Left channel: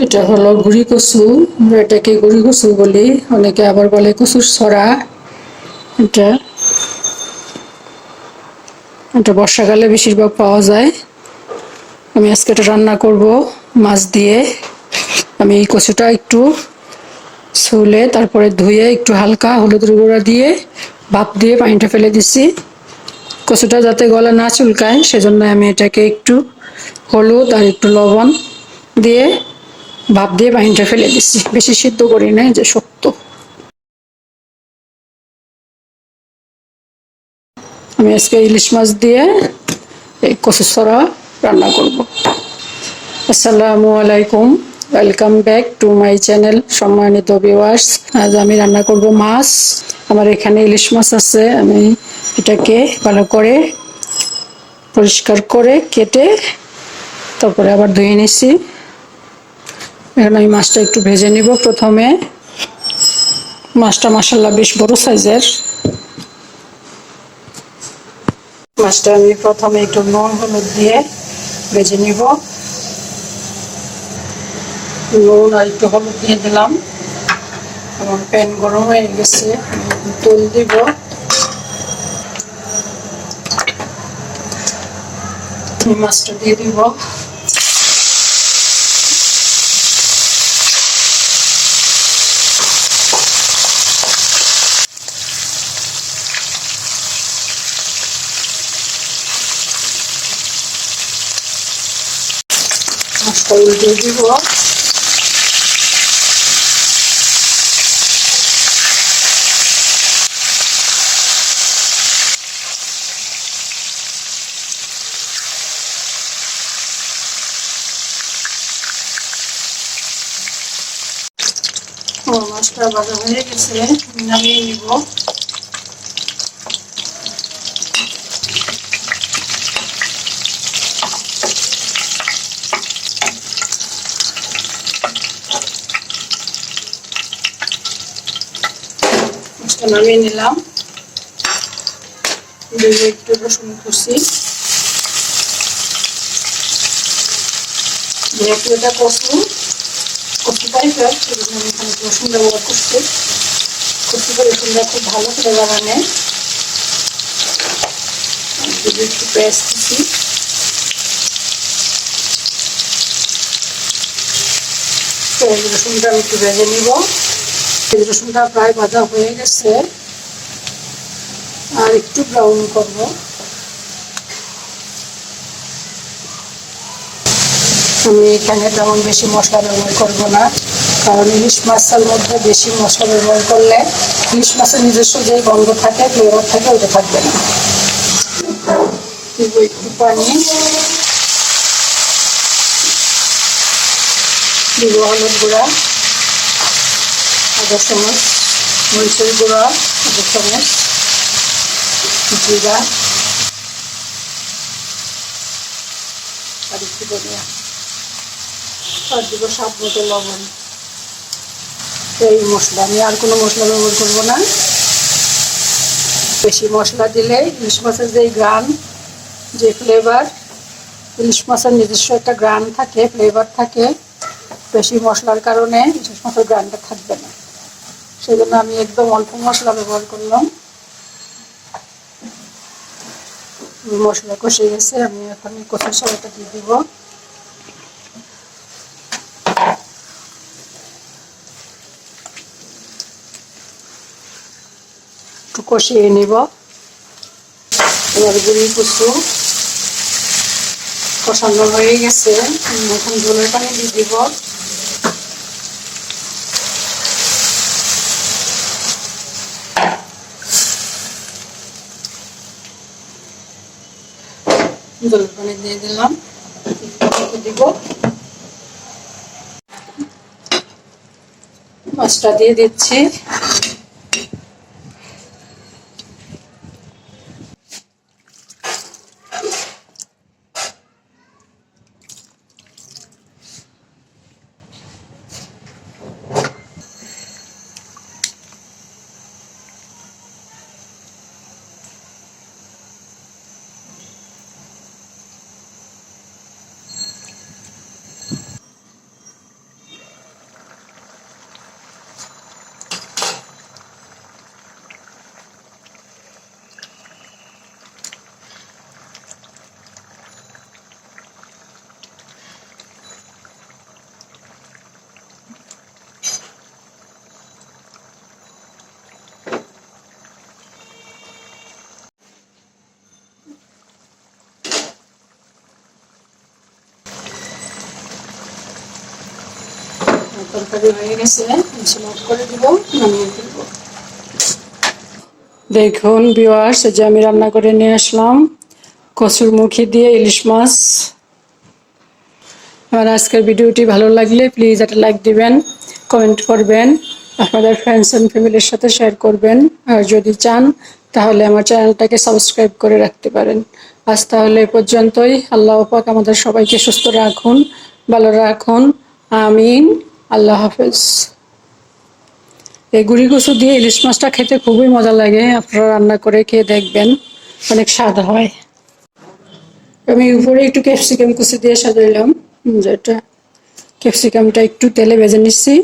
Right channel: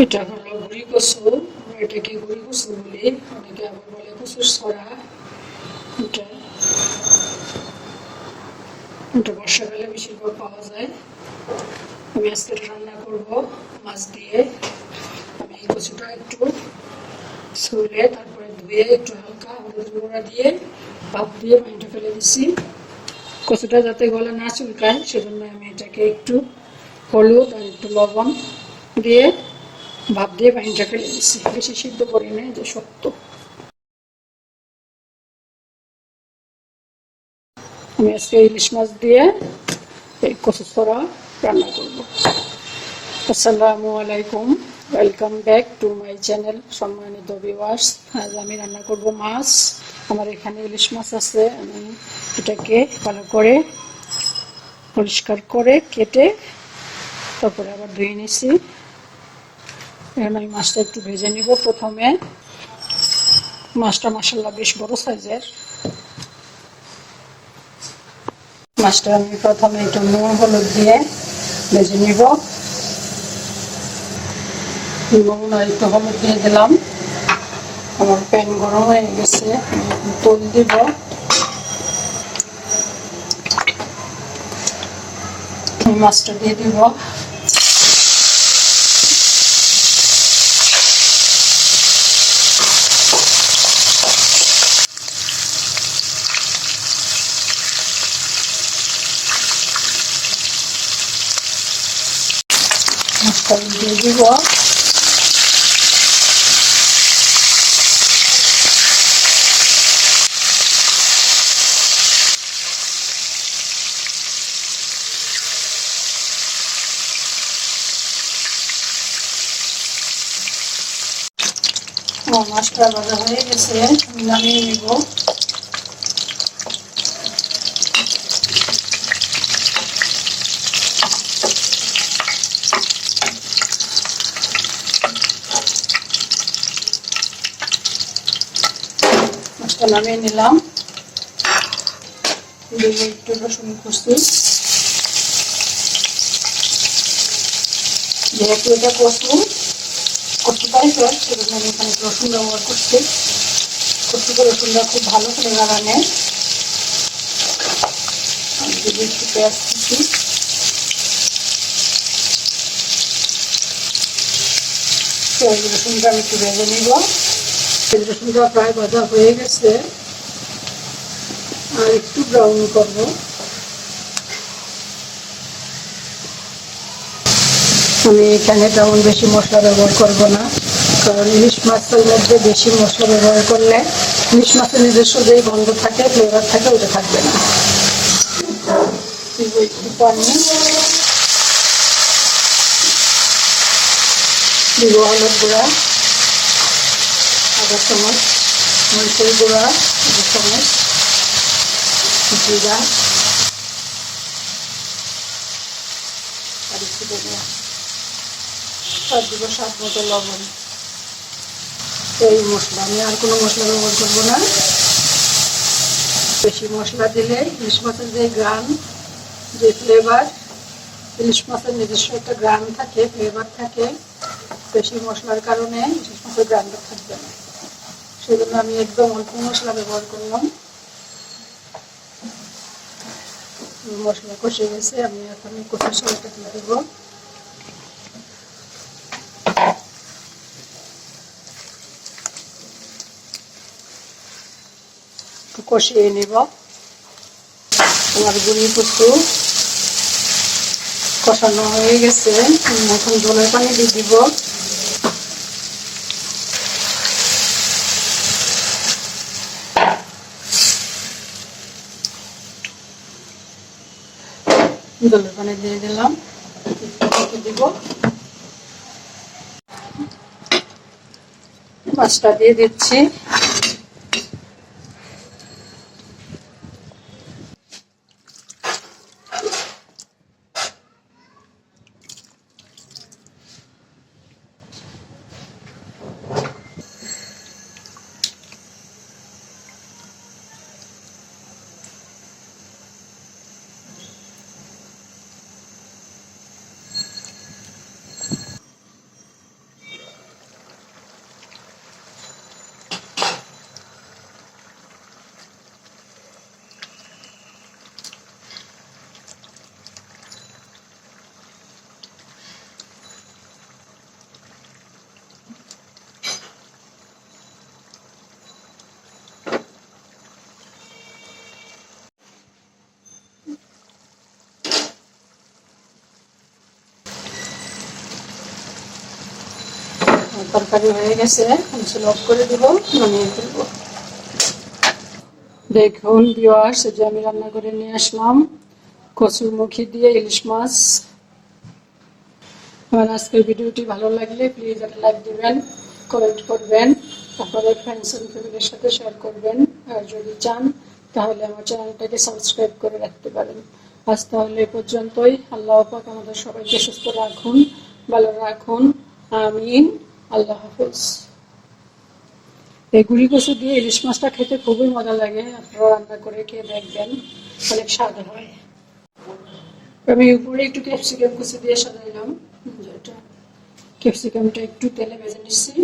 এটা হলো গুড়ি কচু। আমরা এটাকে গুড়ি কচু বলি। অনেকে আবার বলে কচুর ছড়া। এটা এটা বর্ষাকালে বেশিরভাগ পাওয়া যায়। আমি আজকে এটা রান্না করব মাছ দিয়ে। আমি এই কচুটা একটু ছুলে তারপরে ধুয়ে একটু হালকা হলুদের গুঁড়া দিয়ে, ভাপ দিয়ে পানিটা ফেলে দিছি কচুটা যাতে গলা না চুলকায়, সেজন্য আমি এটাকে একটু হলুদ আর একটু লবণ দিয়ে ভাপ দিয়ে পানিটা ফেলে দিছি। বেশি সিদ্ধ করি নাই যে শক্ত আমি আজকে ইলিশ মাছ দিয়ে এই কচু ছড়া রান্না করব। আসসালামু আলাইকুম। Welcome back to my channel সম্মানিত ভিউয়ার্স আজ আমি রান্না করব মাছ। আমার এখানে ইলিশ মাছ আছে। আমি এটাকে ভালো করে পরিষ্কার করে কেটে তারপরে আবার ধুয়ে নিছি। এখন আমি মাছটা একটু ভেজে নিব প্রথমে। মাছটা মাসাল্লাহ বেশ বড় সাইজের। মাছটা আমি প্রথমে একটু নুন, হলুদ দিয়ে ভেজে নিব। নুন আর একটু হলুদ দিয়ে দিলাম। আমার প্যান গরম হয়ে গেছে, তেল দিব। মাছটা দিয়ে দিব। মাছটা দিয়ে দিব মাছটা ভাজা হয়ে গেছে নামিয়ে নিব মাছটা নামিয়ে নিলাম। একটু রসুন কুচি। যেহেতু এটা কচু কচু টাইপের সেজন্য আমি এখানে রসুন ব্যবহার করছি। কচুটা রসুনটা খুব ভালো করে যদি একটু পেঁয়াজ পেঁয়াজ রসুনটা একটু ভেজে নিব। রসুনটা প্রায় ভাজা হয়ে গেছে। আর একটু ব্রাউন করব। আমি এখানে তেমন বেশি মশলা ব্যবহার করব না, কারণ ইলিশ মাছের মধ্যে বেশি মশলা ব্যবহার করলে ইলিশ মাছের নিজস্ব যে গন্ধ থাকে ফ্লেভার থাকে ওটা থাকবে না। একটু পানি দিব হলুদ গুঁড়া আধা চামচ মরিচের গুঁড়া আধা চামচ জিরা আর একটু ধনিয়া আর দিব স্বাদ মতো লবণ। এই মশলা আমি আর কোনো মশলা ব্যবহার করব না। বেশি মশলা দিলে ইলিশ মাছের যে গ্রাম, যে ফ্লেভার ইলিশ মাছের নিজস্ব একটা গ্রাম থাকে ফ্লেভার থাকে, বেশি মশলার কারণে ইলিশ মাছের গ্রামটা থাকবে না। সেই জন্য আমি একদম অল্প মশলা ব্যবহার করলাম। মশলা কষে গেছে, আমি এখন কষার সবাইটা দিয়ে দেবো। একটু কষিয়ে নিব। আমার গুড়ি কুচু কষানো হয়ে গেছে। এখন জলের পানি দিয়ে দিব। জলের পানি দিয়ে দিলাম। দিব মাছটা দিয়ে দিচ্ছি। দেখুন বিওয়ার্স যে আমি রান্না করে নিয়ে আসলাম, কচুর মুখি দিয়ে ইলিশ মাছ। আমার আজকের ভিডিওটি ভালো লাগলে প্লিজ একটা লাইক দিবেন কমেন্ট করবেন, আপনাদের ফ্রেন্ডস অ্যান্ড ফ্যামিলির সাথে শেয়ার করবেন। আর যদি চান, তাহলে আমার চ্যানেলটাকে সাবস্ক্রাইব করে রাখতে পারেন। আজ তাহলে এ পর্যন্তই। আল্লাহ পাক আমাদের সবাইকে সুস্থ রাখুন, ভালো রাখুন। আমিন। আল্লাহ হাফেজ। এই গুড়ি কচু দিয়ে ইলিশ মাছটা খেতে খুবই মজা লাগে। আপনারা রান্না করে খেয়ে দেখবেন, অনেক স্বাদ হয়। আমি উপরে একটু ক্যাপসিকাম কুচি দিয়ে সাজাইলাম। যেটা ক্যাপসিকামটা একটু তেলে ভেজে নিচ্ছি।